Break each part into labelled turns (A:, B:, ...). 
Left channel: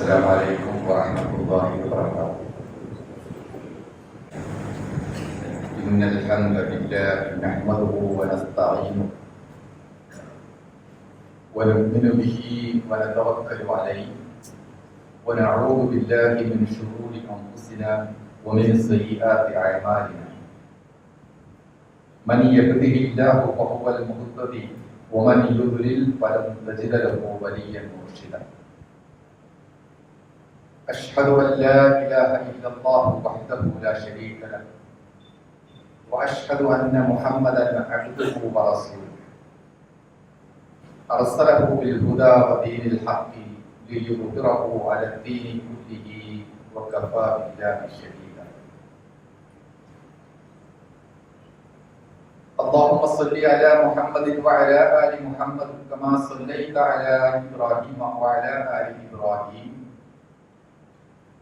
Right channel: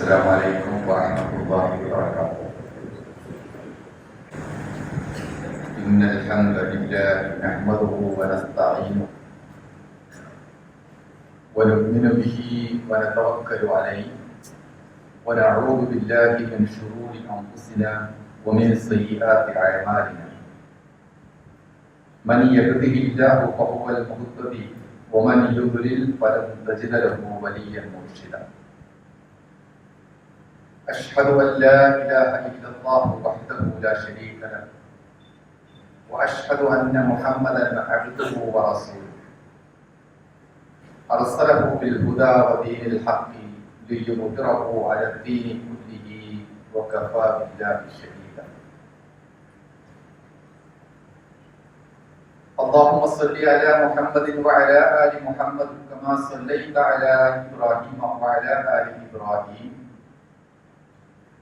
A: السلام عليكم ورحمة الله وبركاته. إن الحمد لله نحمده ونستعينه ونؤمن به ونتوكل عليه ونعوذ بالله من شرور أنفسنا ومن سيئات أعمالنا. من يهده الله فهو المهتدي ومن يضلل فلن تجد له وليا مرشدا. أشهد أن لا إله إلا الله وحده لا شريك له وأشهد أن محمدا عبده ورسوله. أرسله بالهدى ودين الحق ليظهره على الدين كله وكفى بالله شهيدا. اللهم صل على محمد وعلى آل محمد كما صليت على إبراهيم وعلى آل إبراهيم.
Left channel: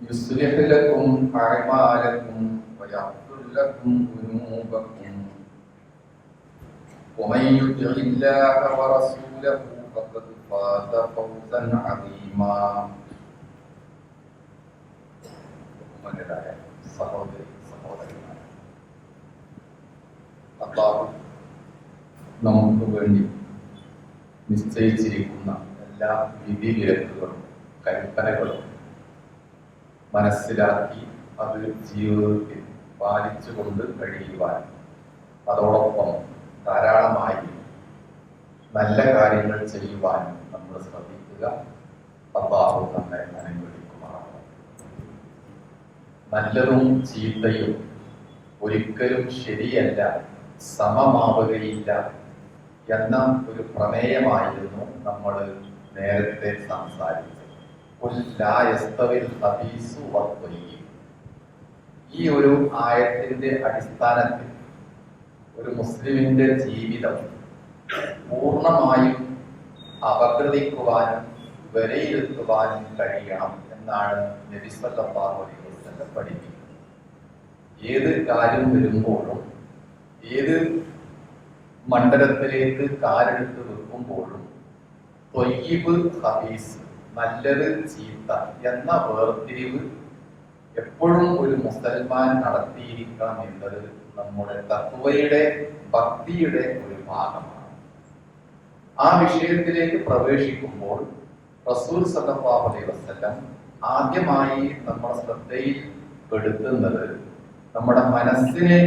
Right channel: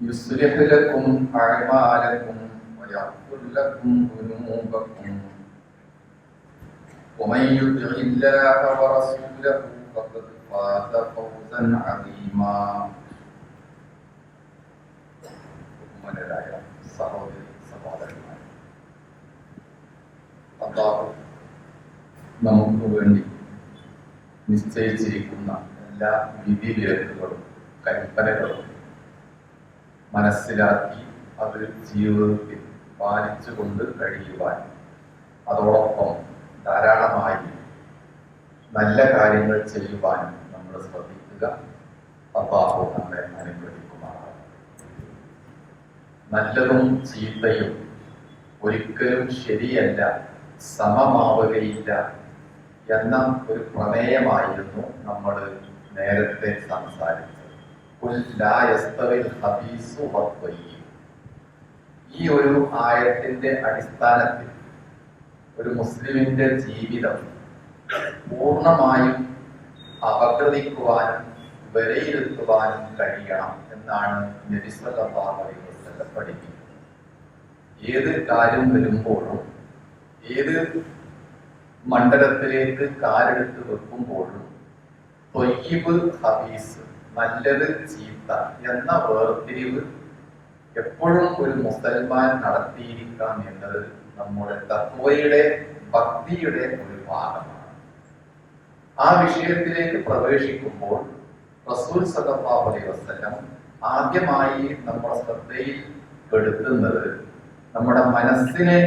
A: يصلح لكم أعمالكم ويغفر لكم ذنوبكم ومن يطع الله ورسوله فقد فاز فوزا عظيما ബഹുമാനരായ സഹോദരി സഹോദരന്മാർ അള്ളാഹു നമുക്ക് വേണ്ടി നിശ്ചയിച്ചിരിക്കുന്ന എല്ലാ വിധിവിലക്കുകളും കൽപ്പനകളും മനസ്സിലാക്കി അത് ജീവിതത്തിൽ പാലിച്ചുകൊണ്ട് കഴിയുവാൻ. അതോടൊപ്പം ധാരാളമായി നല്ല കാര്യങ്ങൾ ചെയ്യുവാൻ നമ്മൾ ശ്രദ്ധിക്കുക. അബ്ബാഹു നമ്മെ അനുഗ്രഹിക്കുമാണ് നല്ലതും ചീത്തയും ഒരിക്കലും ശരിയല്ല സമമാവുകയില്ല എന്ന ഒരു പ്രമേയമായിരുന്നു നമ്മൾ നേരത്തെ സംസാരിച്ചത്. ഈ ഒരു ആയത്തിന്റെ അടിസ്ഥാനത്തിൽ ഒരു മുസ്ലിമിന്റെ ജീവിതം പൂർണമായും അപഗ്രഥിക്കുവാനും വിലയിരുത്തുവാനും കഴിയണം എന്നാണ് നബി സല്ലല്ലാഹു അലൈഹി വസല്ലം പഠിപ്പിക്കുന്നത്. ഏത് കാര്യം വരുമ്പോഴും ഏത് മണ്ഡലത്തിലേക്ക് കാലെടുത്ത് വെക്കുമ്പോഴും ഹബീസ് നല്ലത് ചീത്ത എന്ന വേർതിരിവ് എപ്പോഴും ഒരു മുസൽമാൻ നടത്തിയിരിക്കണം എന്നത് നമ്മുടെ തത്വയുടെ ഭക്തിയുടെ ഒരു ഭാഗമാണ്. ആ വിഷയത്തിലേക്ക് പ്രവേശിക്കുമ്പോൾ റസൂൽ സല്ലല്ലാഹു അലൈഹി വസല്ലം ആദ്യമായി നമ്മുടെ ശ്രദ്ധയിൽ പെടുത്തുന്നത് നമ്മുടെ മനസ്സിനെ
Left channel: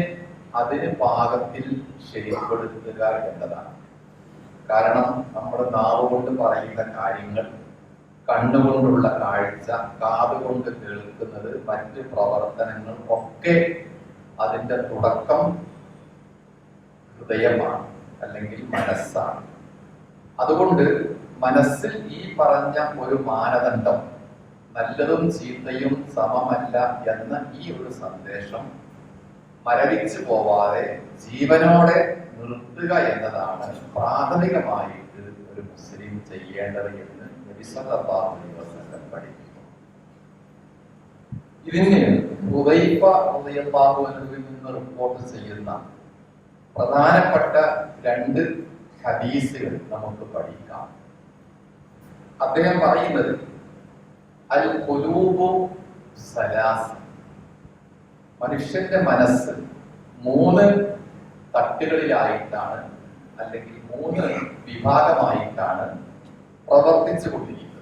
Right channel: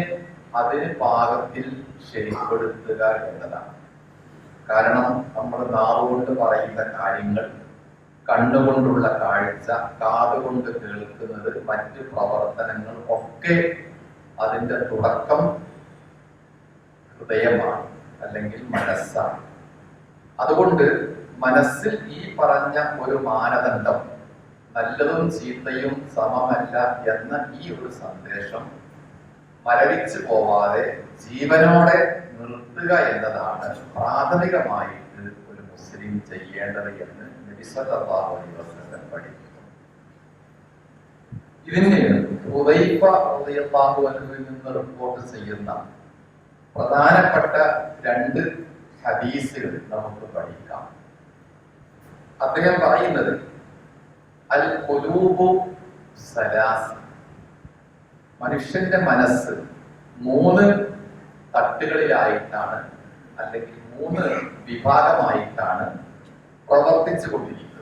A: അതിന് പാകത്തിൽ ശരിപ്പെടുത്തുക എന്നതാണ്. കാരണം നമ്മുടെ നാവ് കൊണ്ട് പറയുന്ന കാര്യങ്ങൾ കണ്ണുകൊണ്ടുള്ള കാഴ്ച കാതുകൊണ്ട് കേൾക്കുന്നത് മറ്റ് പ്രവർത്തനങ്ങൾ ഒക്കെ അതിന്റെ തുടക്കം ഹൃദയമാണ് അല്ലെങ്കിൽ മനസ്സാണ്. അതുകൊണ്ട് മനസ്സിൽ ഈ പറഞ്ഞ ഒരു മാനദണ്ഡം നല്ലതും ചീത്തയും സമമല്ല എന്ന ഈ ഒരു സന്ദേശം മരവിച്ചു പോവാതെ ജീവനോടെ നിർത്തുക എന്നതാണ് പ്രാഥമികമായിട്ട് ഒരു മുസ്ലിം ചെയ്യേണ്ടത് എന്ന് നബി സല്ലല്ലാഹു അലൈഹി വസല്ലം പഠിപ്പിക്കുന്നു ഇതിന് ഹുദൈഫ റളിയല്ലാഹു നിന്ന് റിപ്പോർട്ട് ചെയ്യുന്ന പ്രധാനപ്പെട്ട രണ്ട് ഹദീസുകൾ നമുക്ക് പഠിക്കാം. അദ്ദേഹം പറയുന്നത് അൽ ഖുലൂബു സലാസ്. മനുഷ്യന്റെ മനസ്സ് മൂന്ന് തട്ടുകളിലായിട്ടാണ് അല്ലെങ്കിൽ മൂന്ന് വിഭാഗമായിട്ടാണ് പ്രവർത്തിച്ചു കൊണ്ടിരിക്കുന്നത്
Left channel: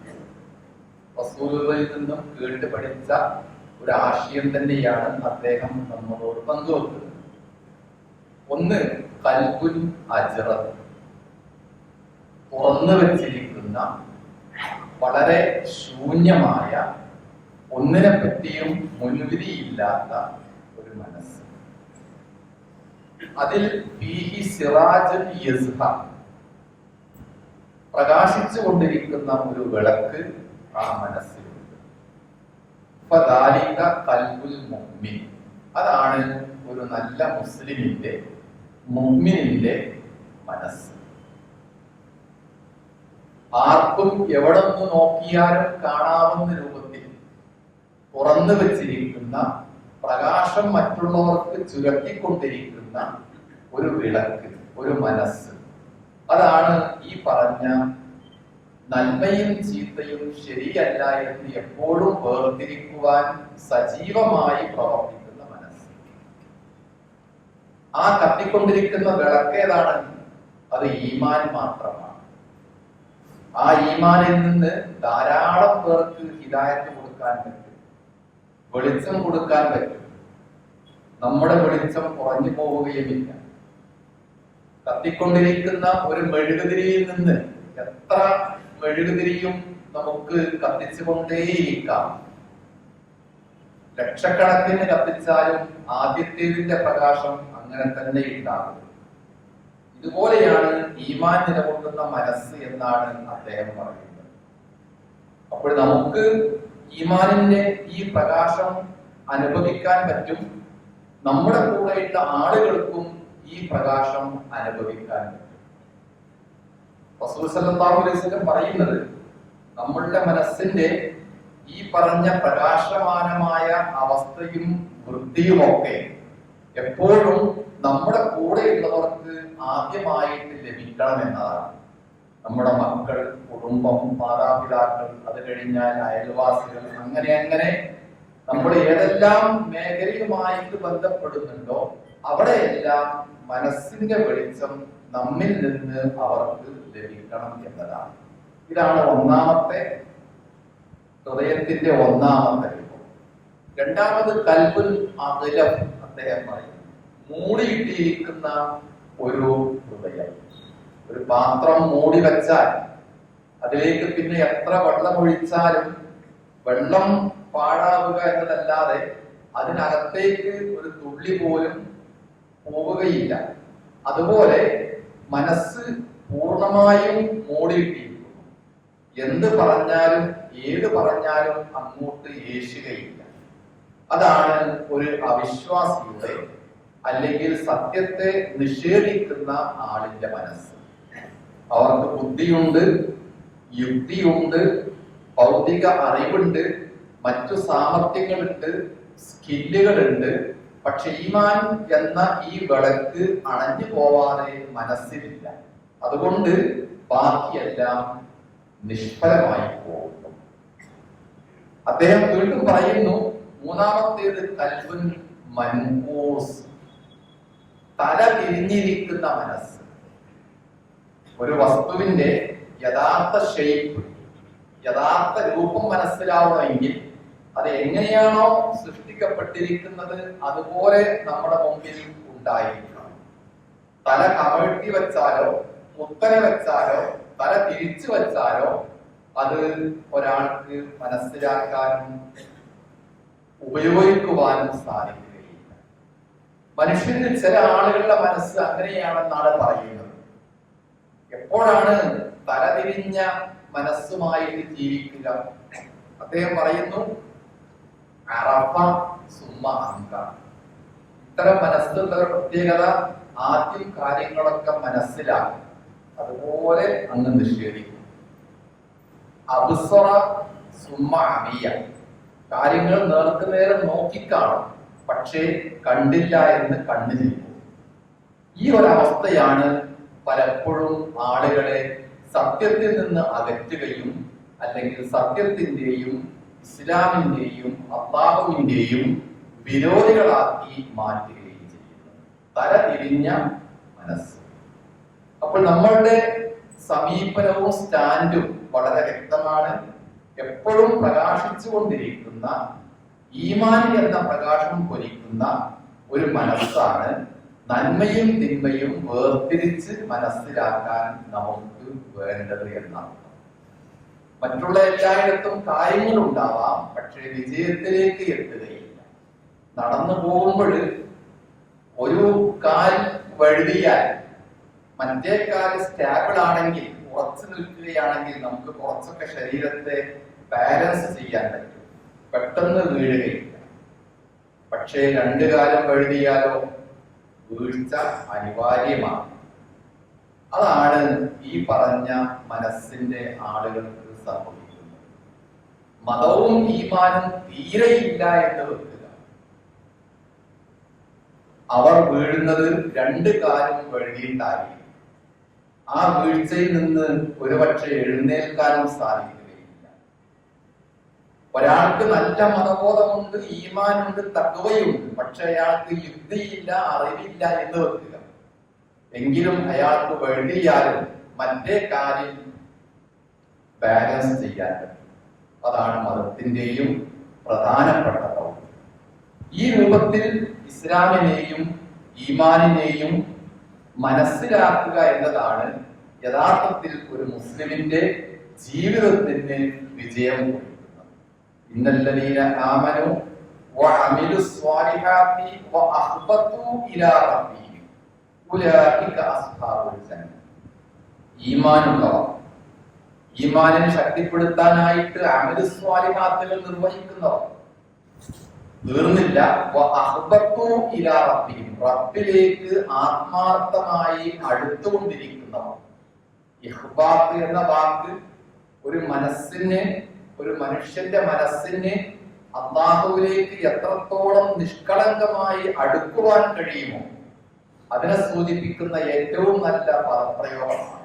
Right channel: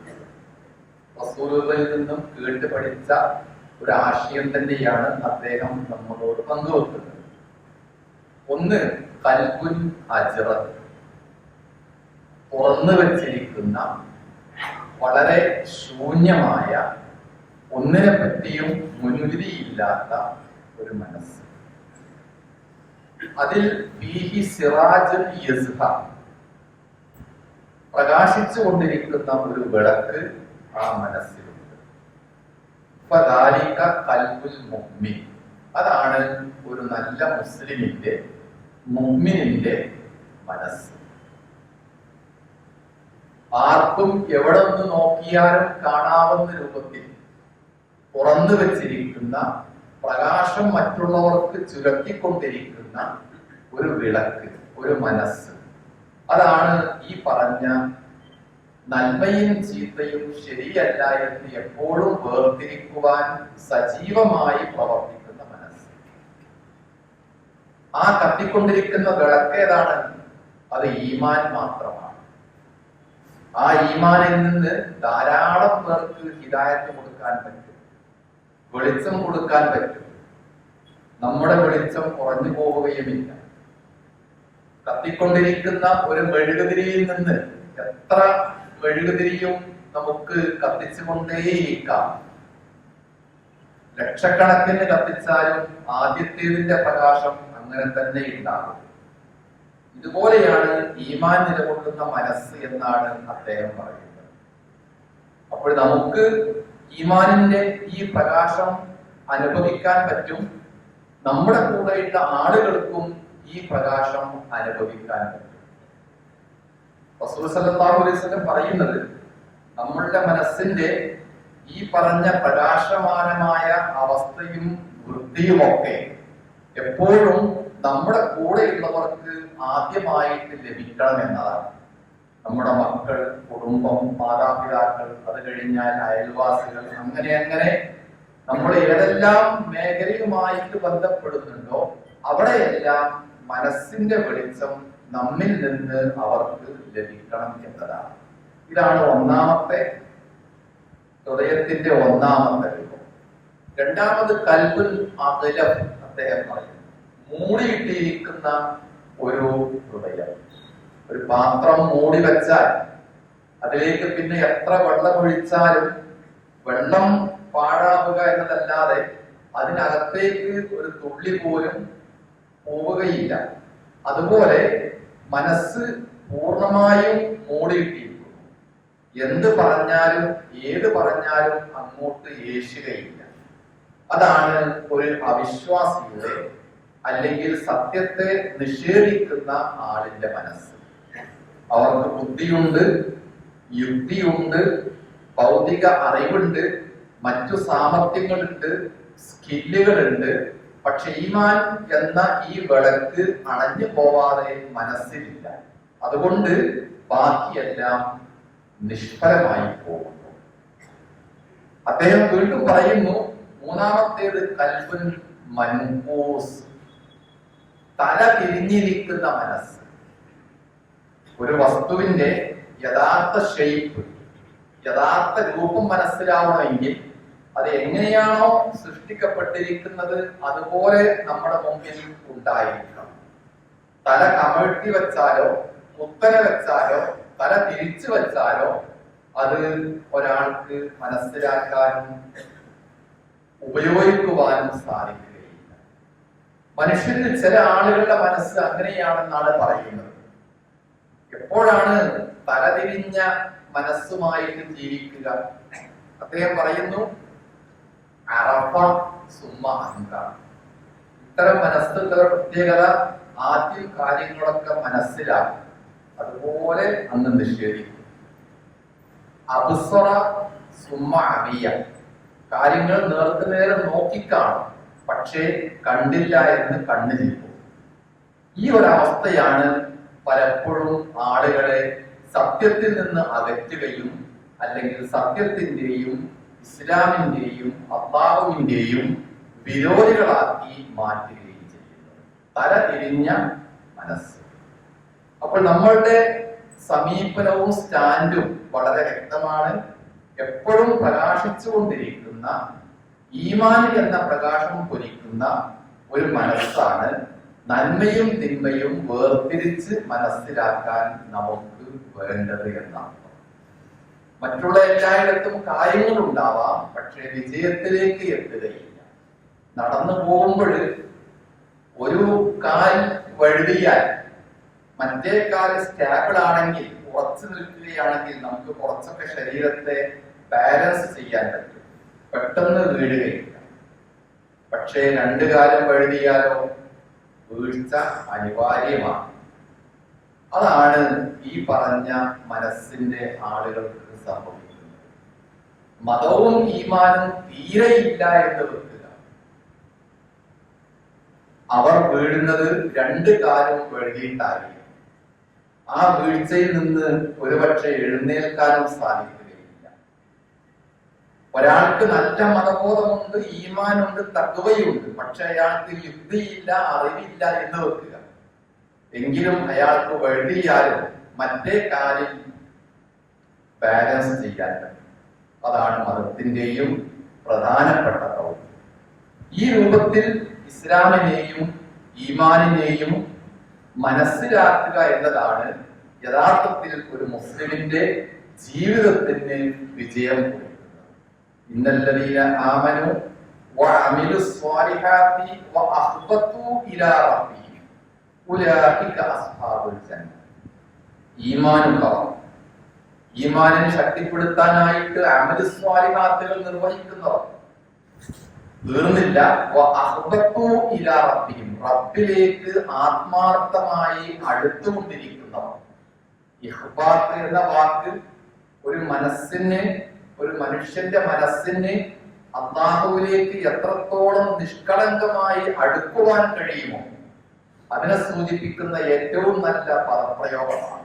A: റസൂലുകളിൽ നിന്നും കേട്ട് പഠിച്ച ഒരു ആശയം തന്നെയാണ് അദ്ദേഹം നമ്മളോട് പങ്കുവെക്കുന്നത്. ഒന്ന് കൽപുൻ അജറ. തുറന്നു വച്ചിരിക്കുന്ന വളരെ ശൂന്യമായ ഒന്നിനെ പറ്റിയും മുൻവിധിയില്ലാത്ത ഒരു മനസ്സ്. അതിൽ പ്രകാശിച്ചു കൊണ്ടിരിക്കുന്ന ഒരു വിളക്ക് ആ മനസ്സിലുണ്ട്. അതാണ് ഒരു നല്ല മുസ്ലിമിന്റെ മുമ്മിനിന്റെ മനസ്സ്. ആർക്കും എവിടെ നിന്ന് നോക്കിയാലും കാണാവുന്ന രൂപത്തിൽ തുറന്നു വെച്ചിരിക്കുന്ന പ്രകാശം മറ്റുള്ളവർക്ക് ചുരത്തിക്കൊണ്ടിരിക്കുന്ന ഒരു വിളക്ക് ഒരു മനസ്സ്. അതാണ് ഈ പറഞ്ഞ നന്മയും ചീത്തയും ശരിയല്ല എന്ന് എപ്പോഴും വേർതിരിക്കുവാൻ സജീവമായി പ്രവർത്തിക്കുന്ന മനസ്സ്. ആ കത്തിക്കൊണ്ടിരിക്കുന്ന വിളക്കേതാണ് അത് ഈമാൻ മാത്രമാണ്. ആ ഈമാനിൽ നിന്ന് ധാരാളം പേർക്ക് ഹിദായത്ത് കൊടുക്കാൻ പറ്റും. വെളിച്ചം കൊടുക്കാൻ പറ്റും. നമ്മുടെ വെളിച്ചം കുറഞ്ഞു പോവുകയുമില്ല. കത്തിക്കൊണ്ടിരിക്കുന്ന ഒരു മെഴുകുതിരിയിൽ നിന്ന് എത്ര മെഴുകുതിരിയും നമുക്ക് കത്തിച്ചുകൊണ്ടേയിരിക്കാം. ലക്ഷക്കണക്കിന് കത്തിച്ചാലും ആദ്യത്തേതിന്റെ പ്രകാശം അങ്ങനെ തന്നെ ഉണ്ടാകും. ഇതുപോലെയാണ് ഈമാൻ നിലകൊള്ളുന്ന മനസ്സ് എന്നാണ് അദ്ദേഹം പറയുന്നത്. അപ്പോൾ നമുക്ക് ഈമാനിന്റെ ഈ പ്രകാശം അനുഭവിക്കാൻ പറ്റും. നമ്മുടെ കൂടെയുള്ള ആളുകൾക്കും ഈ പ്രകാശം അനുഭവിക്കാൻ പറ്റും. പറയുന്നത് നമ്മളുടെ മനസ്സിന്റെ ഈ പറഞ്ഞ പ്രകാശമാനമായ അവസ്ഥയും വൃത്തിയുമൊക്കെ എപ്പോഴും നമ്മുടെ കൂടെയുള്ളവർക്ക് ആദ്യമായിട്ട് ലഭിക്കണം എന്നതാണ്. നമ്മുടെ മക്കൾ കുടുംബം മാതാപിതാക്കൾ അത് കഴിഞ്ഞാൽ അയൽവാസികൾ അങ്ങനെ അങ്ങനെ നമ്മൾ ഏതെല്ലാം മേഖലയുമായിട്ട് ബന്ധപ്പെടുന്നുണ്ടോ അവിടെയെല്ലാം മനസ്സിന്റെ വെളിച്ചം നമ്മിൽ നിന്ന് അവർക്ക് ലഭിക്കണം എന്നതാണ്. ഇതാണ് ഒന്നാമത്തെ ഹൃദയത്തിന്റെ ഒന്നാമത്തെ രൂപം. രണ്ടാമത് കൽബുൽ അകലം അദ്ദേഹം പറയും മൂടിയിട്ടിരിക്കുന്ന ഒരു ഹൃദയം. ഒരു പാത്രം മൂടി വെച്ചാൽ അതിലേക്ക് പിന്നെ എത്ര വെള്ളം ഒഴിച്ചാലും വെള്ളം പാഴാവുക എന്നതല്ലാതെ അതിനകത്തേക്ക് ഒരു തുള്ളി പോലും പോവുകയില്ല. അതുപോലെ മനസ്സ് പൂർണമായും മൂടിയിട്ടിരിക്കും എന്ത് പറഞ്ഞാലും ഏത് പറഞ്ഞാലും അങ്ങോട്ട് യേശുകയില്ല അതാണ് ഒരു അവിശ്വാസിയുടെ അല്ലെങ്കിൽ സത്യത്തെ നിഷേധിക്കുന്ന ആളിന്റെ മനസ്സ്. അവർക്ക് ബുദ്ധിയുണ്ട് യുക്തിയുണ്ട് ഭൗതിക അറിവുണ്ട് മറ്റു സാമർത്ഥ്യങ്ങളുണ്ട് സ്കില്ലുകളുണ്ട് പക്ഷെ ഈമാൻ എന്ന ഈ വിളക്ക് അണഞ്ഞു പോവാതെ മനസ്സിലില്ല. അതുകൊണ്ട് ബാക്കിയെല്ലാം നിഷ്ഫലമായി പോകുന്നു. അദ്ദേഹം വീണ്ടും പറയുന്നു മൂന്നാമത്തേത് കൽബുൻ മൻകൂസ്. തല തിരിഞ്ഞിരിക്കുന്ന മനസ്സ്. ഒരു വസ്തുവിന്റെ യഥാർത്ഥ ഷെയ്പ്പ് യഥാർത്ഥ രൂപം മനസ്സിലാവണമെങ്കിൽ അത് എങ്ങനെയാണോ സൃഷ്ടിക്കപ്പെട്ടിരിക്കുന്നത് അതുപോലെ നമ്മുടെ മുമ്പിൽ ഉണ്ടായിരിക്കണം. തല കമഴ്ത്തി വെച്ചാലോ മുത്തന വെച്ചാലോ തല തിരിച്ചു വെച്ചാലോ അത് ഒരാൾക്ക് മനസ്സിലാക്കാനും ഉപയോഗിക്കുവാനും സാധിക്കുകയില്ല. മനുഷ്യന് ചില ആളുകളുടെ മനസ്സ് അങ്ങനെയാണെന്നാണ് പറയുന്നത്. എപ്പോഴാണ് തലതിരിഞ്ഞ മനസ്സുമായിട്ട് ജീവിക്കുക? അദ്ദേഹം പറയുന്നു അറഫ സുമ അങ്ക ഇത്തരം മനസ്സിലുള്ള പ്രത്യേകത ആദ്യം കാര്യങ്ങളൊക്കെ മനസ്സിലാക്കി. അതുപോലെ അന്ന് നിഷേധിക്കും. അബുസറ സുമ അറിയ കാര്യങ്ങൾ നേർക്ക് നേരം നോക്കിക്കാണും. പക്ഷേ കണ്ടില്ല എന്ന് കണ്ണു നിൽക്കും. ഈ ഒരു അവസ്ഥയാണ് പലപ്പോഴും ആളുകളെ സത്യത്തിൽ നിന്ന് അകറ്റുകയും അല്ലെങ്കിൽ സത്യത്തിന്റെയും ഇസ്ലാമിന്റെയും അള്ളാഹുവിന്റെയും വിരോധികളാക്കി മാറ്റുകയും ചെയ്യുന്നത് തല തിരിഞ്ഞ മനസ്സ്. അപ്പോൾ നമ്മളുടെ സമീപനവും സ്റ്റാൻഡും വളരെ വ്യക്തമാണ്. എപ്പോഴും പ്രകാശിച്ചുകൊണ്ടിരിക്കുന്ന ഈമാനിൽ എന്ന പ്രകാശം പൊരിക്കുന്ന ഒരു മനസ്സാണ് നന്മയും തിന്മയും വേർതിരിച്ച് മനസ്സിലാക്കാൻ നമുക്ക് വേണ്ടത് എന്നാണ്. മറ്റുള്ള എല്ലായിടത്തും കാര്യങ്ങൾ ഉണ്ടാവാം പക്ഷേ വിജയത്തിലേക്ക് എത്തുകയില്ല. നടന്നു പോകുമ്പോൾ ഒരു കാൽ വഴുതിയാൽ മറ്റേ കാൽ സ്റ്റാബിൾ ആണെങ്കിൽ ഉറച്ചു നിൽക്കുകയാണെങ്കിൽ നമുക്ക് കുറച്ചൊക്കെ ശരീരത്തെ ബാലൻസ് ചെയ്യാൻ പറ്റും. പെട്ടെന്ന് വീഴുകയില്ല. പക്ഷേ രണ്ടു കാലം വഴുതിയാലോ വീഴ്ച അനിവാര്യമാണ്. അതാണ് ഈ പറഞ്ഞ മനസ്സിന്റെ ആളുകൾക്ക് സംഭവിക്കുന്നത് മതവും ഈമാനും തീരെയില്ല എന്ന് വെക്കുക. അവർ വീഴുന്നത് രണ്ട് കാലം വഴുകിയിട്ടായി ആ വീഴ്ചയിൽ നിന്ന് ഒരുപക്ഷെ എഴുന്നേൽക്കാനും സാധിക്കുകയില്ല. ഒരാൾക്ക് നല്ല മതബോധമുണ്ട് ഈമാനുണ്ട് തക്കവയുണ്ട് പക്ഷെ അയാൾക്ക് യുക്തിയില്ല അറിവില്ല എന്ന് വെക്കുക. എങ്കിലും അയാൾക്ക് വഴുതിയാലും മറ്റേ കാലിൽ ബാലൻസ് ചെയ്യാൻ പറ്റും. അതാണ് മതത്തിന്റെയും പ്രധാനപ്പെട്ട ദൗത്യം ഈ രൂപത്തിൽ ഇസ്ലാമിനെയും ഈമാനിനെയും മനസ്സിലാക്കുക എന്നതാണ് യഥാർത്ഥത്തിൽ ഒരു മുസ്ലിമിന്റെ ജീവിതത്തിന് വിജയം കൊടുക്കുന്നത്. ഈമാനുള്ളവർ ഈമാനിനെ ശക്തിപ്പെടുത്താനായിട്ട് അമലു സ്വാലിഹാത്തുകൾ നിർവഹിക്കുന്നവർ. തീർന്നില്ല. റബ്ബിലേക്ക് ആത്മാർത്ഥമായി അടുത്തുകൊണ്ടിരിക്കുന്നവർ. ഇഹ്ബാത്ത് എന്ന വാക്ക് ഒരു മനസ്സിന് ഒരു മനുഷ്യന്റെ മനസ്സിന് അള്ളാഹുവിലേക്ക് എത്രത്തോളം നിഷ്കളങ്കമായി അടുക്കുവാൻ കഴിയുമോ? അതിനെ സൂചിപ്പിക്കുന്ന ഏറ്റവും നല്ല പദപ്രയോഗമാണ്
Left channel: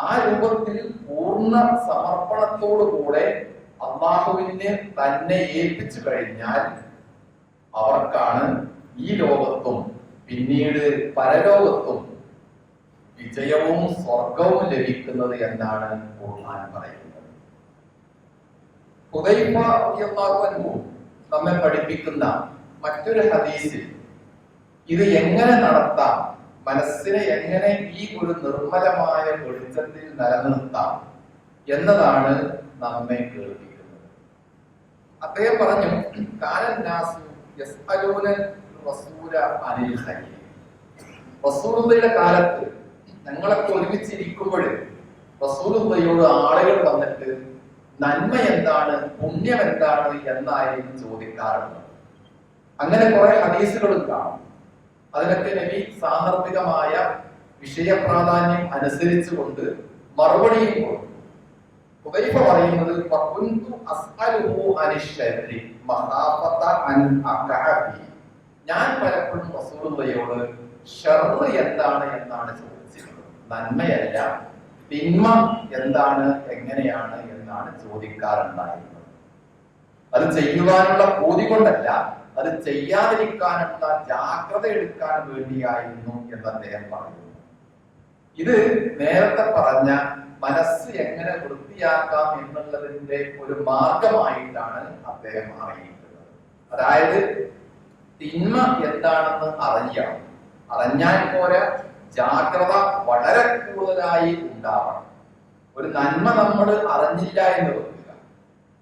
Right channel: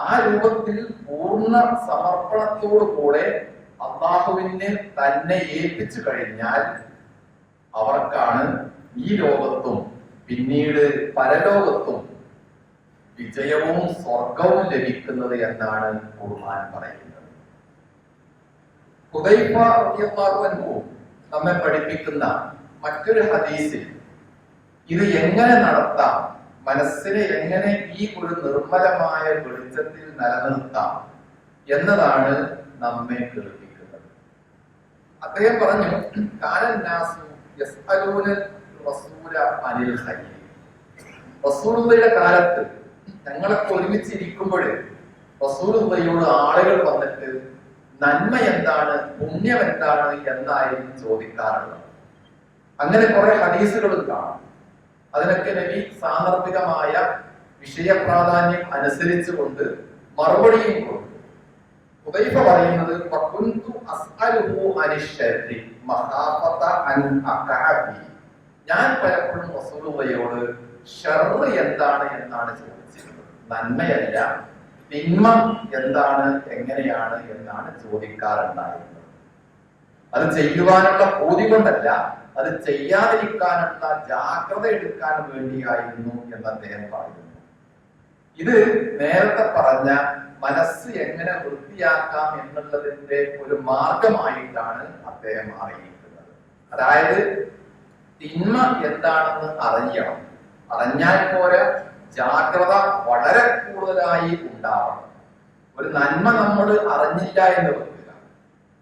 A: ആ രൂപത്തിൽ പൂർണ സമർപ്പണത്തോടു കൂടെ അള്ളാഹുവിനെ തന്നെ ഏൽപ്പിച്ചു കഴിഞ്ഞാൽ അവർക്കാണ് ഈ ലോകത്തും പിന്നീട് പരലോകത്തും വിജയവും സ്വർഗവും ലഭിക്കുന്നത് എന്നാണ് ഖുർആൻ പറയുന്നത്. ഹുദൈഫ റളിയല്ലാഹു അൻഹു നമ്മെ പഠിപ്പിക്കുന്ന മറ്റൊരു ഹദീസിൽ ഇത് എങ്ങനെ നടത്താം മനസ്സിനെ എങ്ങനെ ഈ ഒരു നിർമ്മലമായ വെളിച്ചത്തിൽ നിലനിർത്താം എന്നതാണ് നമ്മെ കേൾപ്പിക്കുന്നത്. അദ്ദേഹം പറഞ്ഞു കാലൻ റസൂല അനിൽ കാലത്ത് ഞങ്ങളൊക്കെ ഒരുമിച്ചിരിക്കുമ്പോൾ റസൂലുള്ളയോട് ആളുകൾ വന്നിട്ട് നന്മ എന്താണ് പുണ്യം എന്താണ് എന്നായിരുന്നു ചോദിക്കാറുള്ളത്. അങ്ങനെ കുറെ ഹദീസുകളും കാണും. അതിനൊക്കെ നബി സാന്ദർഭികമായ വിഷയപ്രാധാന്യം അനുസരിച്ചുകൊണ്ട് മറുപടിയും കൊടുത്തു. ഹുദൈഫ പറയുന്നത് "ഫകുന്തു അസ്അലുഹു അനിശ്ശരി മഹാഫത അൻ അഖഅ ഞാൻ പലപ്പോഴും റസൂലുള്ളയോട് ഷർറ് എന്താണ് എന്നാണ് ചോദിച്ചിരുന്നത്. നന്മയല്ല തിന്മ എന്താണ് എങ്ങനെയാണ് എന്നാണ് ചോദിക്കാറുണ്ടായിരുന്നത്. അത് ചെയ്യുവാനുള്ള ബോധി കൊണ്ടല്ല അത് ചെയ്യാതിരിക്കാനുള്ള ജാഗ്രത എടുക്കാൻ വേണ്ടിയായിരുന്നു എന്ന് അദ്ദേഹം പറയുന്നു. ഇത് നേരത്തെ പറഞ്ഞ മനസ്സ് എങ്ങനെ വൃത്തിയാക്കാം എന്നുള്ളതിന്റെ ഒരു മാർഗമായിട്ടാണ് അദ്ദേഹം അറിയിക്കുന്നത്. അതായത് തിന്മ എന്താണെന്ന് അറിയണം. അറിഞ്ഞാൽ പോരാ ജാഗ്രത വളരെ കൂടുതലായി ഉണ്ടാവണം. ഒരു നന്മ നമ്മൾ അറിഞ്ഞില്ല എന്ന് വെക്കുക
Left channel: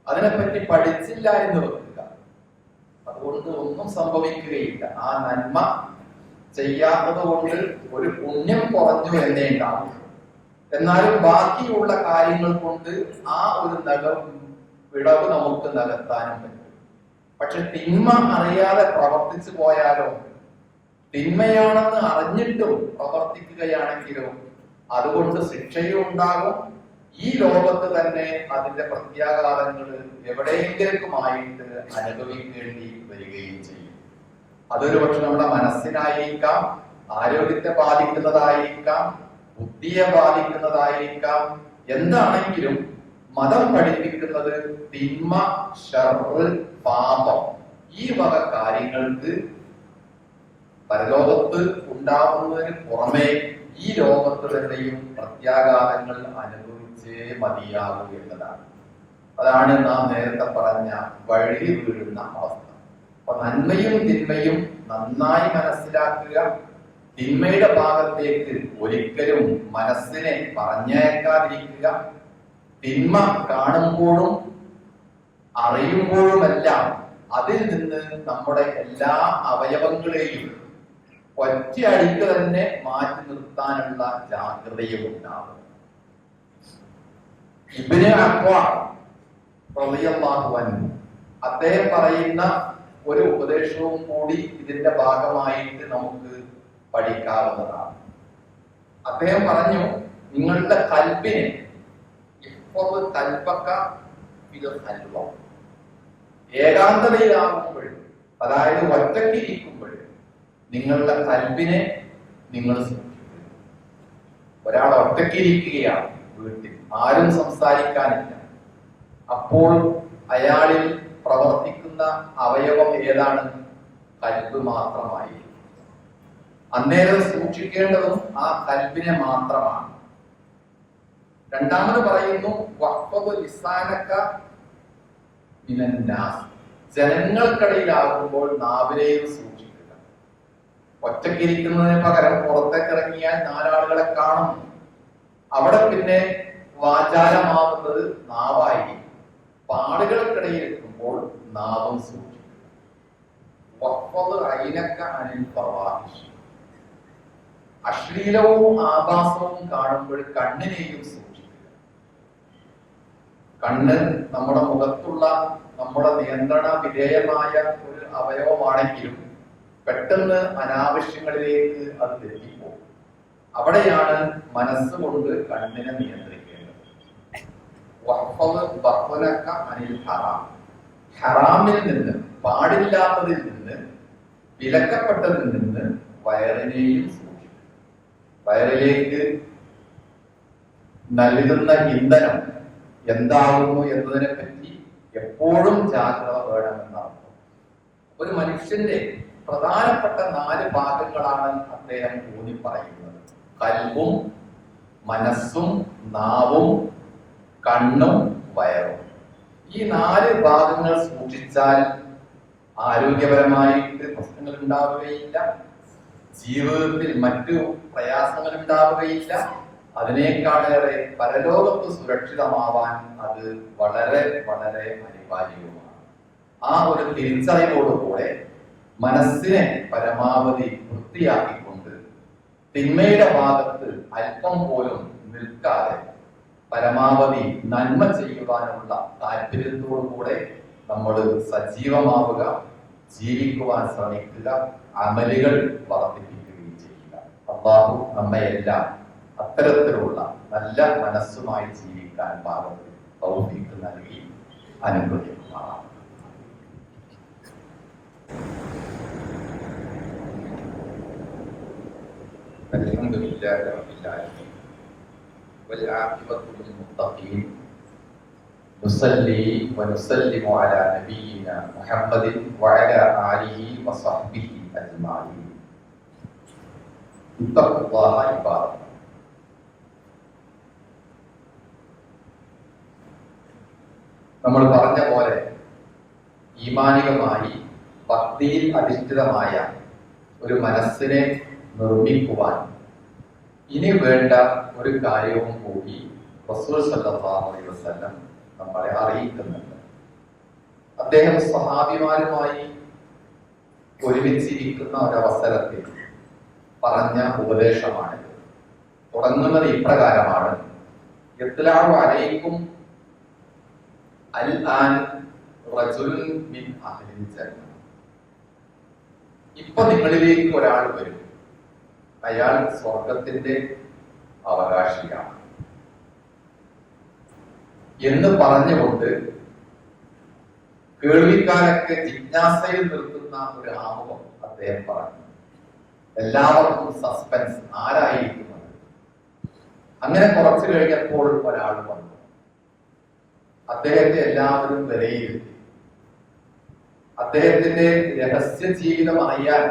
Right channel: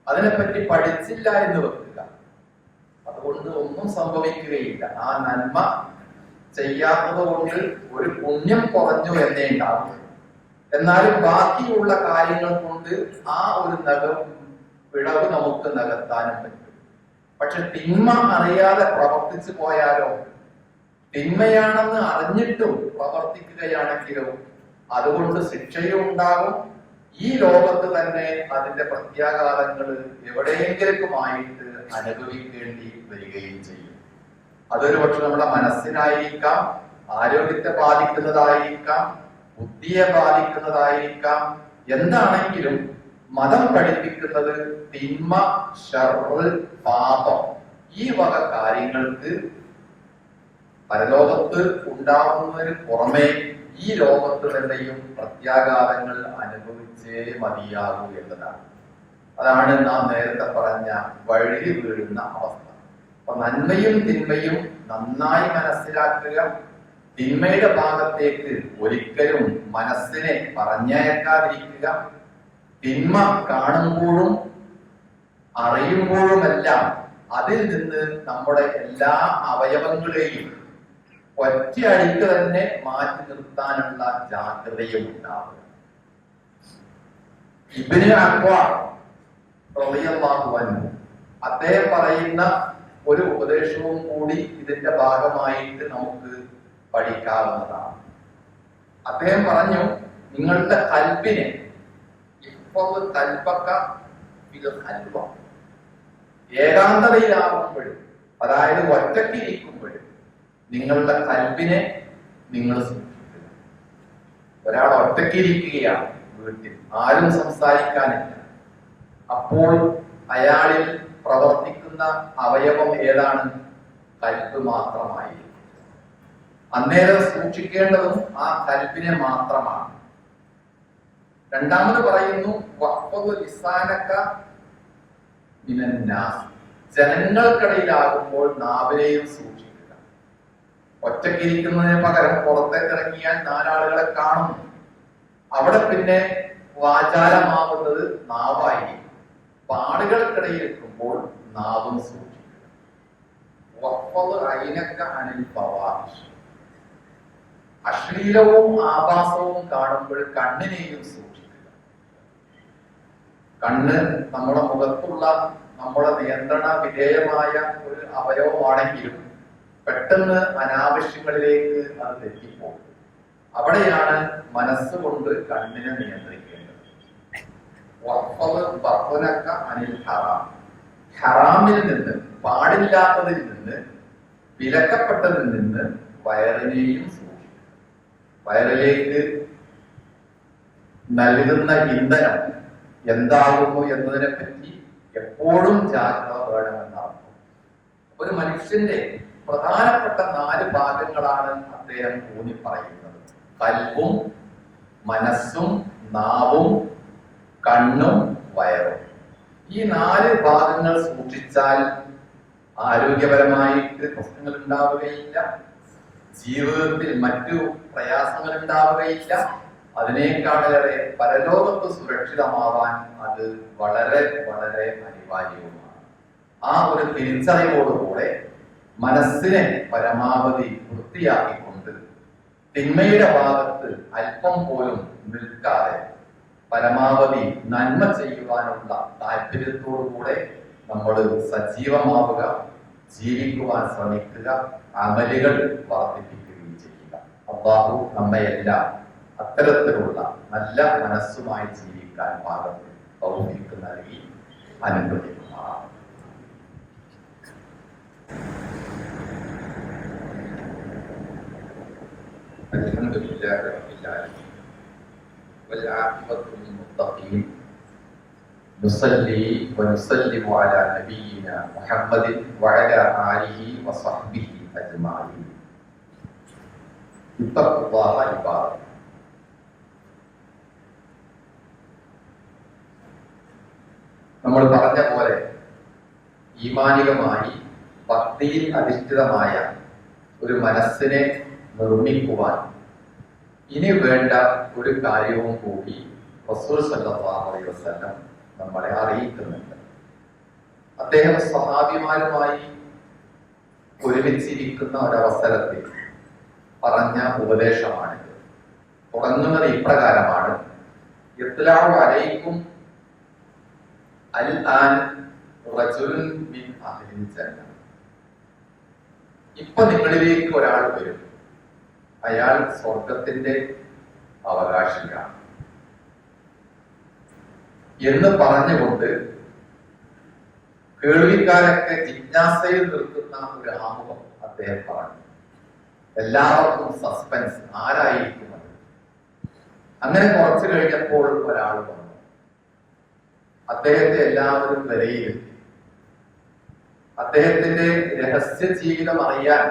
A: അതിനെപ്പറ്റി പഠിച്ചില്ല എന്ന് വെക്കുക അതുകൊണ്ട് ഒന്നും സംഭവിക്കുകയില്ല. ആ നന്മ ചെയ്യാത്തത് കൊണ്ട് ഒരു പുണ്യം കുറഞ്ഞു എന്നേ ഉണ്ടാവും എന്നാലും ബാക്കിയുള്ള കാര്യങ്ങൾ കൊണ്ട് ആ ഒരു നഗ വിളവ് നമുക്ക് നികത്താനും പറ്റും. പക്ഷെ തിന്മ അറിയാതെ പ്രവർത്തിച്ചു പോയാലോ? തിന്മയാണെന്ന് അറിഞ്ഞിട്ടും പ്രവർത്തിക്കുകയാണെങ്കിലോ അതുകൊണ്ട് ശിക്ഷയും ഉണ്ടാകും ഈ ലോകത്ത് തന്നെ അതിന്റെ പ്രത്യാഘാതങ്ങൾ എവിടെയെങ്കിലുമായിട്ട് അനുഭവിക്കേണ്ടി വരികയും ചെയ്യും. അതൊരു പക്ഷെ നമ്മുടെ മനസ്സിനായിരിക്കാം ആരോഗ്യത്തെ ബാധിക്കുന്നതായിരിക്കാം ബുദ്ധിയെ ബാധിക്കുന്നതായിരിക്കാം. എന്താണെങ്കിലും മതം പഠിപ്പിക്കുന്നത് തിന്മ പാപം ഈ വക കാര്യങ്ങൾക്ക് പരലോകത്ത് ഉണ്ടാകുന്നതിന് പുറമെ ഈ ലോകത്ത് തന്നെയും പ്രത്യാഘാതങ്ങൾ അനുഭവിച്ചേ മതിയാകൂ എന്നതാണ്. അതാണ് നാം നേരത്തെ പറഞ്ഞ വഴി വീഴുന്ന അവസ്ഥ. അപ്പൊ നന്മയും തിന്മയും നന്നായി മനസ്സിലാക്കുക തിന്മയുടെ ഭാഗത്തേക്ക് ഒരിക്കലും മനസ്സിനെ പറഞ്ഞേക്കാതിരിക്കുക തിന്മ കാണുമ്പോഴും അറിയുമ്പോഴുമെല്ലാം അതിൽ നിന്ന് നമ്മുടെ എല്ലാ അവയവങ്ങളെയും ഒറ്റയടിക്ക് തന്നെ മാറ്റി നിർത്താനുള്ള ജാഗ്രതയും ഉണ്ടാവും ഇബിന് അൻഹു അദ്ദേഹം പറയുന്ന ഒരു ഉപദേശവും കൂടി ഇതിന്റെ ഭാഗമായിട്ട് നമുക്ക് പഠിക്കാവുന്നതാണ്. അദ്ദേഹം പറഞ്ഞു നിങ്ങളുടെ കൽപ്പിനെ ഇപ്പോൾ കൽപ്പക്ക ഇത് കൽവ ഏകാന്തതയിലാവുമ്പോൾ അതായത് ഒറ്റക്കിരിക്കുമ്പോൾ നിങ്ങളുടെ കൽബിനെ നിങ്ങൾ ഒരാൾ ഒറ്റക്കിരിക്കുകയാണ് വീട്ടിൽ. ആരും സംസാരിക്കാനില്ല. അപ്പോൾ അയാളിൽ പ്രവർത്തിക്കുന്ന അവയവം ഏതാണ്? കൽബ് മാത്രമായി അന്നേരം സൂക്ഷിക്കേണ്ടതും ആ കൽബിനെ മാത്രമാണ്. രണ്ടാമത് പറയുന്നു ജനങ്ങൾക്കിടയിലാകുമ്പോൾ നാവിനെയും സൂക്ഷിക്കുക ഒറ്റക്കിരിക്കുന്നതിന് പകരം പുറത്തേക്ക് ഇറങ്ങിയാൽ നാലാളുകളെ കാണും. അവിടെ പിന്നെ വാചാലമാവുന്നത് നാവായി പാടുകൾക്കിടയിൽ എത്തുമ്പോൾ നാവും സൂക്ഷിക്കും അശ്ലീലവും ആഭാസവും കാണുമ്പോൾ കണ്ണിനെയും സൂക്ഷിക്കുക. കണ്ണ് നമ്മുടെ മുഖത്തുള്ള നമ്മുടെ നിയന്ത്രണ വിധേയമായ ഒരു അവയവമാണെങ്കിലും പെട്ടെന്ന് അനാവശ്യങ്ങളിലേക്ക് അത് തെറ്റിപ്പോകും. അവിടെയാണ് മനസ്സുകൊണ്ട് കണ്ണിനെ നിയന്ത്രിക്കേണ്ടത്. ഹറാമിൽ നിന്ന് പാടില്ലാത്തതിൽ നിന്ന് വിലക്കപ്പെട്ടതിൽ നിന്ന് വയറിനെയും സൂക്ഷിക്കുക. വയറിലേക്ക് നൽകുന്ന ഇന്ധനം എന്താകുന്നു എന്നതിനെ പറ്റി എപ്പോഴും ജാഗ്രത വേണമെന്നാണ്. ഒരു മനുഷ്യന്റെ പ്രധാനപ്പെട്ട നാല് ഭാഗങ്ങളാണ് അദ്ദേഹം ഊന്നി പറയുന്നത് കൽവും മനസ്സും നാവും കണ്ണും വയറും. ഈ നാല് ഭാഗങ്ങൾ സൂക്ഷിച്ചാൽ ആരോഗ്യപരമായിട്ട് പ്രശ്നങ്ങൾ ഉണ്ടാവുകയില്ല ജീവിതത്തിൽ മറ്റു പ്രയാസങ്ങൾ ഉണ്ടാവുകയില്ല അതിനേക്കാളേറെ പരലോകത്ത് സുരക്ഷിതമാവാൻ അത് വളരെ വളരെ അനിവാര്യവുമാണ്. ആ ഒരു തിരിച്ചറിവോടുകൂടെ മനസ്സിനെ പരമാവധി വൃത്തിയാക്കിക്കൊണ്ട് തിന്മയുടെ ഭാഗത്ത് അല്പം പോലും നിൽക്കാതെ പരമാവധി നന്മ ചെയ്യുവാനുള്ള താല്പര്യത്തോടുകൂടെ നമ്മൾ സജീവമാവുക ജീവിക്കുവാൻ ശ്രമിക്കുക അമലുകൾ വർദ്ധിപ്പിക്കുകയും ചെയ്യുക. അള്ളാഹു നമ്മയെല്ലാം അത്തരത്തിലുള്ള നല്ല മനസ്സുമായി ജീവിക്കാൻ പാകത്തിൽ നൽകി അനുഗ്രഹിക്കുന്നതാണ് الحمد لله رب العالمين والعاقبة للمتقين نصلي ونسلم على نبينا محمد وعلى آله وصحبه أجمعين اتقوا الله عباد الله. നമ്മൾ പറഞ്ഞ പോലെ ഈമാനികമായി ഭക്തിയിൽ അധിഷ്ഠിതമായ ഒരു മനസ്സിനെ നിർമ്മിക്കുവാൻ ഇനി വേണ്ട ഒരു കാര്യവും കൂടി റസൂൽ വസല്ലം നമ്മളെ അറിയിക്കുന്നുണ്ട്. അദ്ദേഹം സ്വഹാഭിമാരുമായി ഒരുമിച്ചിരിക്കുന്ന ഒരവസരത്തിൽ പറഞ്ഞ ഉപദേശമാണിത്. തുടങ്ങുന്നത് ഇപ്രകാരമാണ്. ഇത്ലാഹു അലൈക്കും അൽ ആൻ റജുൽ മിൻ അഹ്ലിൽ ജന്ന ഇപ്പൊ നിങ്ങളിലേക്ക് ഒരാൾ വരും. അയാൾ സ്വർഗത്തിന്റെ അവകാശിയാണ്. എന്ന് പറഞ്ഞുകൊണ്ട് കേൾവിക്കാരൊക്കെ ജിജ്ഞാസയിൽ നിർത്തുന്ന ഒരു ആമുഖം അദ്ദേഹം പറഞ്ഞു. എല്ലാവർക്കും സസ്പെൻസ് ആരായിരിക്കും അത്? അങ്ങനെ കുറച്ചു കഴിഞ്ഞപ്പോൾ ഒരാൾ വന്നു. അദ്ദേഹത്തെ എല്ലാവരും വിലയിരുത്തി. അദ്ദേഹത്തിന്റെ രഹസ്യ ജീവിതം അറിയാൻ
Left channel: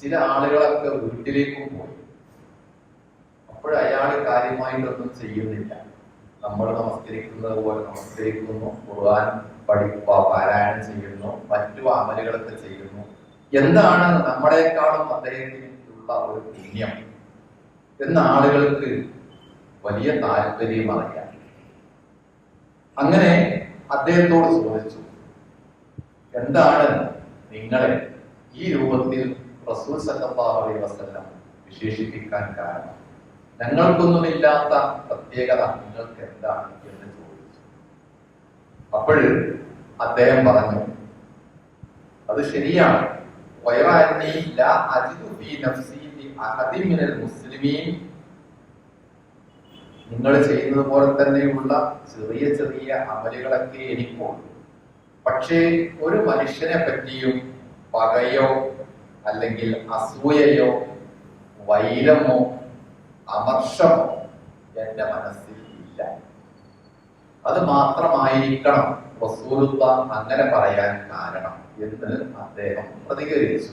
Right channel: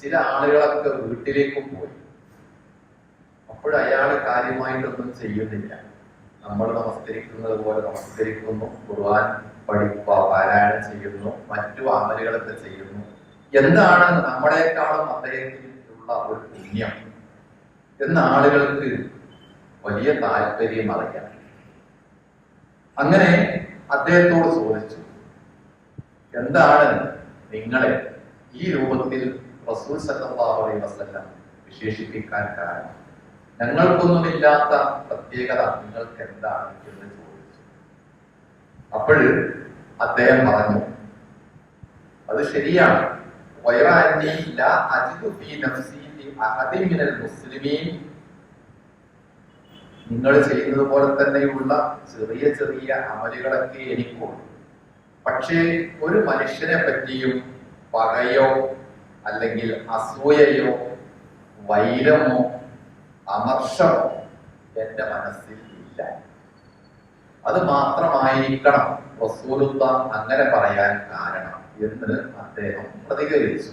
A: ചില ആളുകളൊക്കെ വീട്ടിലേക്കും പോയി. അപ്പോൾ അയാൾ കാര്യമായിട്ടൊന്നും ചെയ്യുന്നില്ല. നമ്മൾ നമസ്കരിക്കുന്നത് പോലെ നമസ്കരിക്കുന്നു ഖുർആൻ പഠിപ്പ പാരായണം ചെയ്യുന്നു മറ്റു അമലുകളൊക്കെ ചെയ്യുന്നു. എന്താണ് നമ്മളെക്കാളും അദ്ദേഹത്തിനുള്ള ഒരു പുണ്യം എന്ന ആളുകൾക്ക് വലിയ താല്പര്യം അറിയാം. അങ്ങനെ അദ്ദേഹത്തോട് ചോദിച്ചു. എന്താണ് നിങ്ങളെ ഈ രൂപത്തിൽ റസൂൽ വിശേഷിപ്പിക്കാൻ കാരണം? ഞങ്ങൾക്കൊന്നുമില്ലാത്ത പ്രത്യേകത നിങ്ങൾക്ക് എന്താണ് എന്ന് ചോദിച്ചു. അപ്പോൾ അദ്ദേഹം പറഞ്ഞു അത് ശരിയാണ്. നിങ്ങൾ ചെയ്യുന്നത് പോലെ തന്നെയുള്ള ചെറിയ ചെറിയ അമലുകളൊക്കെ എനിക്കുണ്ട്. പക്ഷേ ഒരു മനുഷ്യനെ പറ്റിയും പകയോ അല്ലെങ്കിൽ അസൂയയോ വൈരമോ അമർഷമോ എന്റെ മനസ്സിൽ ഇല്ല. അത് മാത്രമായിരിക്കണം വസൂലുത്ത അങ്ങനെ പറയാൻ കാരണം എന്ന് അദ്ദേഹം പ്രതികരിച്ചു.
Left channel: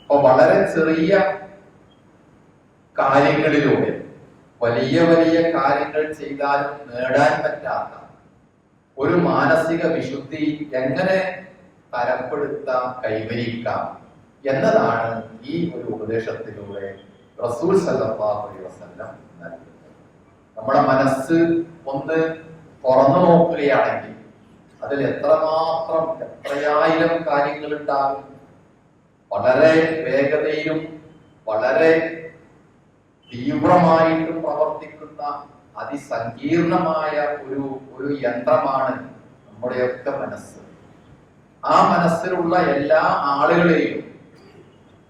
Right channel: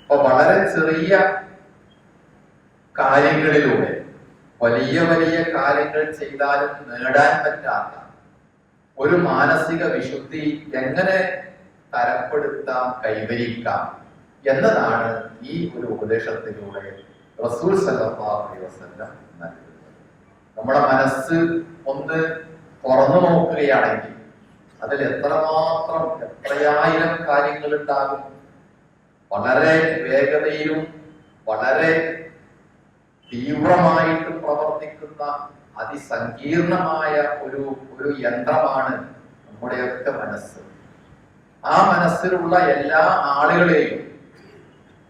A: അപ്പൊ വളരെ ചെറിയ കാര്യങ്ങളിലൂടെ വലിയ വലിയ കാര്യങ്ങൾ ചെയ്താലും നേടാൻ പറ്റാത്ത ഒരു മാനസിക വിശുദ്ധി എങ്ങനെ തരപ്പെടുത്താം കൈവരിക്കാം എന്നതാണ് ഈ ഒരു ഉപദേശത്തിലൂടെ റസൂൽ നൽകുന്നത്. നമ്മുടെ മനസ്സ് ഒന്ന് തുറന്നു നോക്കുകയാണെങ്കിൽ അതിൽ എത്രമാത്രം എത്രയായിരം കാര്യങ്ങൾ ഉണ്ടാകും? വളരെ വേഗതയിലും വളരെ തീവ്രമായിട്ടും പ്രവർത്തിക്കുന്ന അതിസങ്കീർണമായ ഒരു ഒരു യന്ത്രമാണ് നമ്മുടെയൊക്കെ മനസ്സ്. ആ മനസ്സിലുള്ള എല്ലാ ആളുകളെയും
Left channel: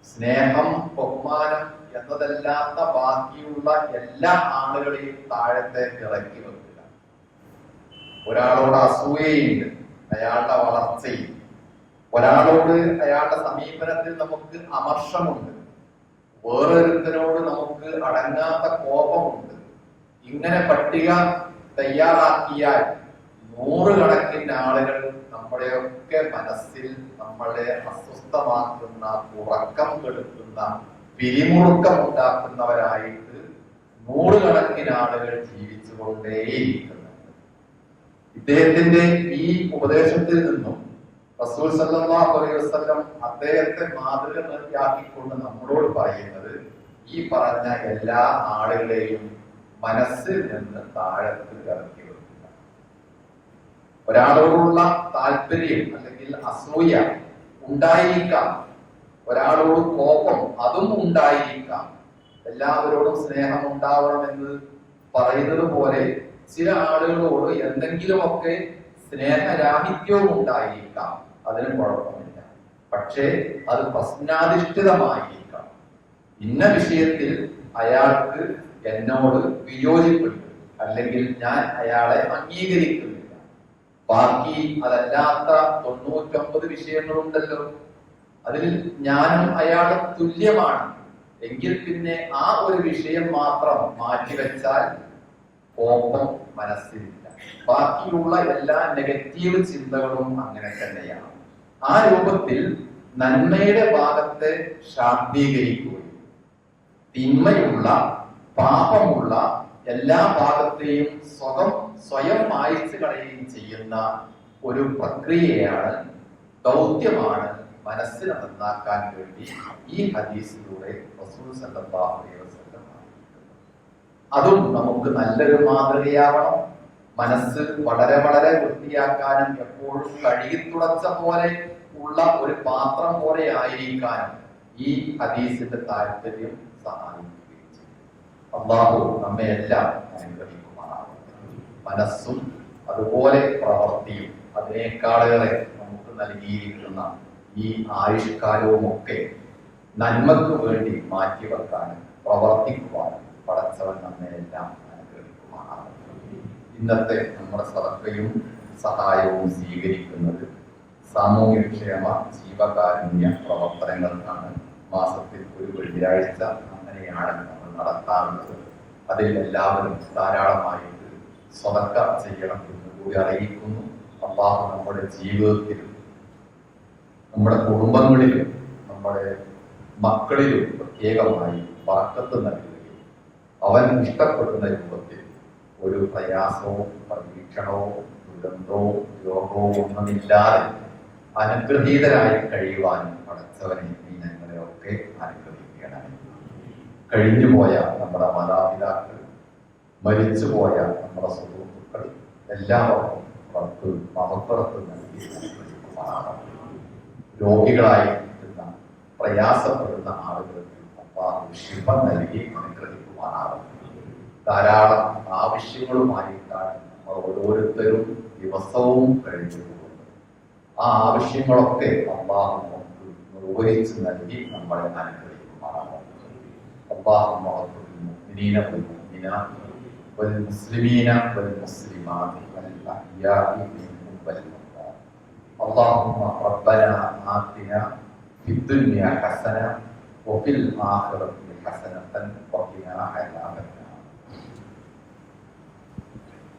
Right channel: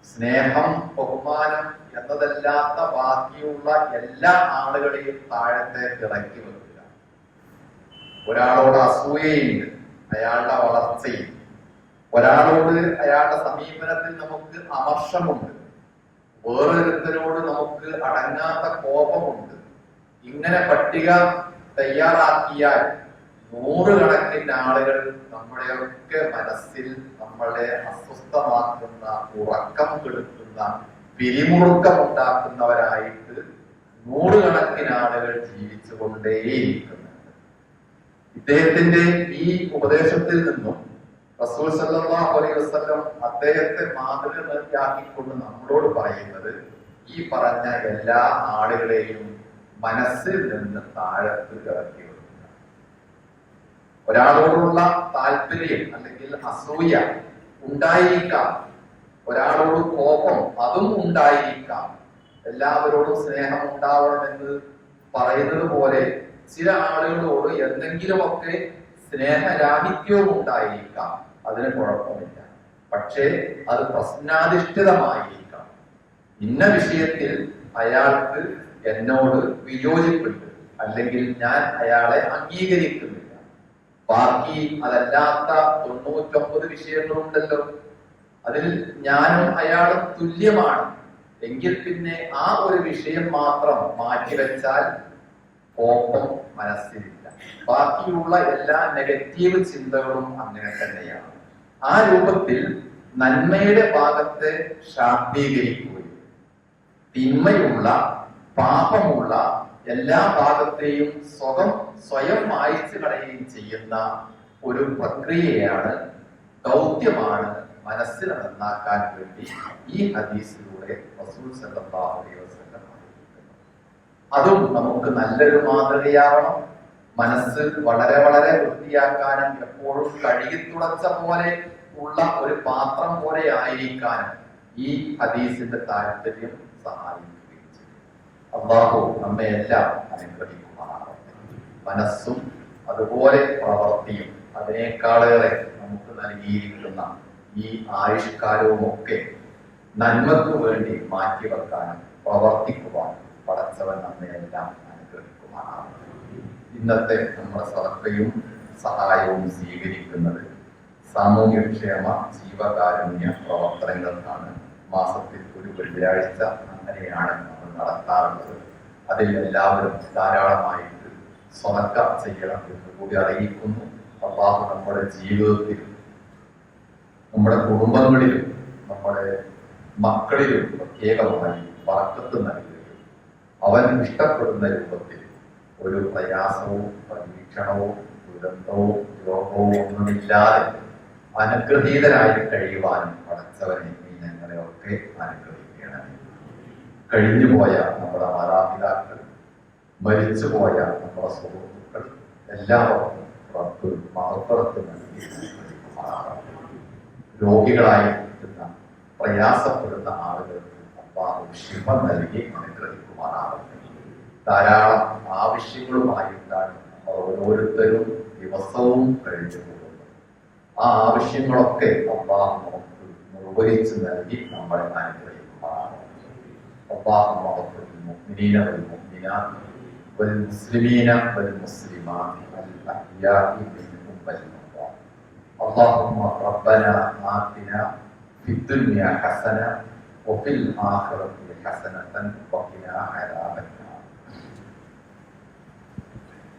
A: സ്നേഹം ബഹുമാനം എന്നതല്ലാത്ത ബാക്കിയുള്ള എല്ലാ ആളുകളെയും താഴത്തെ ഇറക്കി വെക്കുക. ഒരാളോട് അസൂയയുണ്ട് അയാളുടെ വളർച്ചയിൽ. ഒരാളോട് അയാളുടെ സമീപനത്തിൽ നമുക്ക് അമർഷമുണ്ട്. വേറൊരുത്തരോട് നമുക്ക് അടങ്ങാത്ത കോപമുണ്ട്. ഇങ്ങനെ പട്ടിക തയ്യാറാക്കിയാൽ നൂറുകണക്കിന് ആളുകൾ നമ്മുടെയൊക്കെ മനസ്സിൽ നമ്മളെ അസ്വസ്ഥമാക്കുന്ന ഉറക്കം കെടുത്തുന്ന പിരിമുറുക്കം ഉണ്ടാക്കുന്നവരായിട്ട് നൂറുകണക്കിന് ആളുകൾ ജീവിച്ചുകൊണ്ടേയിരിക്കുന്നു. ഇദ്ദേഹത്തിന്റെ ഈ ഉപദേശത്തിൽ നിന്നും റസൂൽ സല്ലല്ലാഹു അലൈഹി വസല്ലം അദ്ദേഹത്തെ മാതൃകയാക്കിക്കൊണ്ട് നമ്മളോട് പറയുന്നത് ഈ പറഞ്ഞ എല്ലാ ആളുകളെയും മനസ്സിൽ നിന്ന് താഴത്ത് ഇറക്കി വെക്കുക ഒരാളോടുള്ള താല്പര്യം അല്ലെങ്കിൽ അസൂയ ഉണ്ടായിരിക്കാം. ഒരാളോട് കോപം അതും ഉണ്ടായിരിക്കാം. എല്ലാവരോടും സ്നേഹം ഉണ്ടാവണമെന്ന് പറയുന്നത് പോലെ ചില ആളുകളോട് എന്തെങ്കിലുമൊക്കെ സ്നേഹരാഹിത്യവും ഉണ്ടായിരിക്കാം. അതിന് കുഴപ്പമില്ല. പക്ഷേ അത് പ്രശ്നാധിഷ്ഠിതമായിരിക്കാം. ഇന്ന വിഷയത്തിൽ അയാൾക്ക് എന്നോട് വിയോജിപ്പുണ്ട് അല്ലെങ്കിൽ ഞാൻ അയാളെ അംഗീകരിക്കുന്നില്ല. ബാക്കി അതല്ലാത്ത തൊണ്ണൂറ്റൊമ്പത് വിഷയങ്ങളുണ്ടല്ലോ. അതിൽ ഞാനും അയാളും തുല്യമാണ്. എങ്കിൽ പിന്നെ ആ ഒരു വിഷയം മാത്രം മാറ്റിവെച്ചാൽ കോപം മനസ്സിലില്ല. ബാക്കിയുള്ള എല്ലാ നെഗറ്റീവ് ചിന്തകളും അങ്ങനെ തന്നെയാണ്. ആ രൂപത്തിൽ നന്മയുടെ ഭാഗത്തെ ശാക്തീകരിക്കുകയും തിന്മയുള്ള പാപമുള്ള എല്ലാ ഭാഗത്തെയും സ്വതം സ്വയം മായിച്ചു കളയുകയും ചെയ്യുന്ന ഒരു പ്രക്രിയയാണ് ദൗത്യമാണ് മനസ്സിനെ നന്നാക്കാൻ വേണ്ടി ഈ ഹദീസിലൂടെ അതും നമുക്ക് നല്ലൊരു മാതൃകയാവണം. മനസ്സ് വളരെ വളരെ വൃത്തിയാക്കാനും എപ്പോഴും കഴുകി തുളച്ച പോലെ ഉള്ള ഒരു പാത്രം പോലെ ആയിരിക്കാനും ഈ ഹദീസിന്റെ താല്പര്യം സഹായിക്കുകയും ചെയ്യും അള്ളാഹു നമ്മെ എല്ലാം അനുഗ്രഹിക്കുമാറാവട്ടെ മനസ്സും അതുപോലെ പ്രവൃത്തിയും അതിനേക്കാളേറെ നമുക്ക് നൽകിയിരിക്കുന്ന ഈ ആയുഷ്കാലവും ഒക്കെ നന്മക്ക് വേണ്ടി മാറ്റിവെക്കാനും പ്രവർത്തിക്കുവാനും പടച്ചവൻ നമ്മെ എല്ലാം അനുഗ്രഹിക്കുമാറാവട്ടെ ഇന്നത്തെ നമ്മുടെ സദക്കയും സഹായവും സ്വീകരിക്കുന്നത് സാമൂഹ്യക്ഷേമ ജീവകാരുണ്യ പ്രവർത്തനങ്ങൾക്കാണ്. മാസത്തിൽ ഒരു വെള്ളിയാഴ്ച അങ്ങനെയാണ് നടത്താറുള്ളത് അതിൽ എല്ലാവരും ധാരാളമായിട്ട് സ്വതക്ക ചെയ്യണം എന്ന് കൂടി അറിയിക്കുന്നു. അള്ളാഹു നമ്മുടെ ജീവിതത്തിൽ നമ്മുടെ കുടുംബങ്ങളിലും നമ്മുടെ മക്കളിലും പ്രത്യേകമായി വറക്കത്ത് നൽകുകയും അവൻ ഇഷ്ടപ്പെടുന്ന രൂപത്തിൽ ഒരു പ്രയാസവും പരീക്ഷണവും ദുരന്തവും രോഗവും ഒന്നുമില്ലാതെ അനുഗ്രഹീതരായി കഴിയുവാനും പഠിച്ചവരെ നീ ഞങ്ങളെ ഒക്കെ അനുഗ്രഹിക്കണമേ കഴിഞ്ഞുപോയ നമ്മുടെ മാതാപിതാക്കൾ മരിച്ചുപോയ നമ്മുടെ സുഹൃത്തുക്കൾ എല്ലാവർക്കും റബ്ബ് മഹപ്പുറത്ത് നൽകി രോഗികളായി രോഗികളായിരിക്കുന്ന പ്രയാസപ്പെടുന്ന ആളുകൾക്ക് ശിവ നൽകി അനുഗ്രഹിക്കുമാറാകട്ടെ. ധാരാളം ആവശ്യങ്ങളുമായിട്ടാണ് നമ്മൾ ഓരോരുത്തരും ദിവസവും കഴിഞ്ഞു പോകുന്നു. ആ ആവശ്യങ്ങളൊക്കെ അള്ളാഹു നമുക്ക് നിർവഹിച്ചു നൽകി നമ്മളെ അനുഗ്രഹിക്കുമാറാണ് اللهم اغفر للمؤمنين والمؤمنات والمسلمين والمسلمات الأحياء منهم والأموات. اللهم ربنا آتنا في الدنيا حسنة وفي الآخرة حسنة وقنا عذاب النار.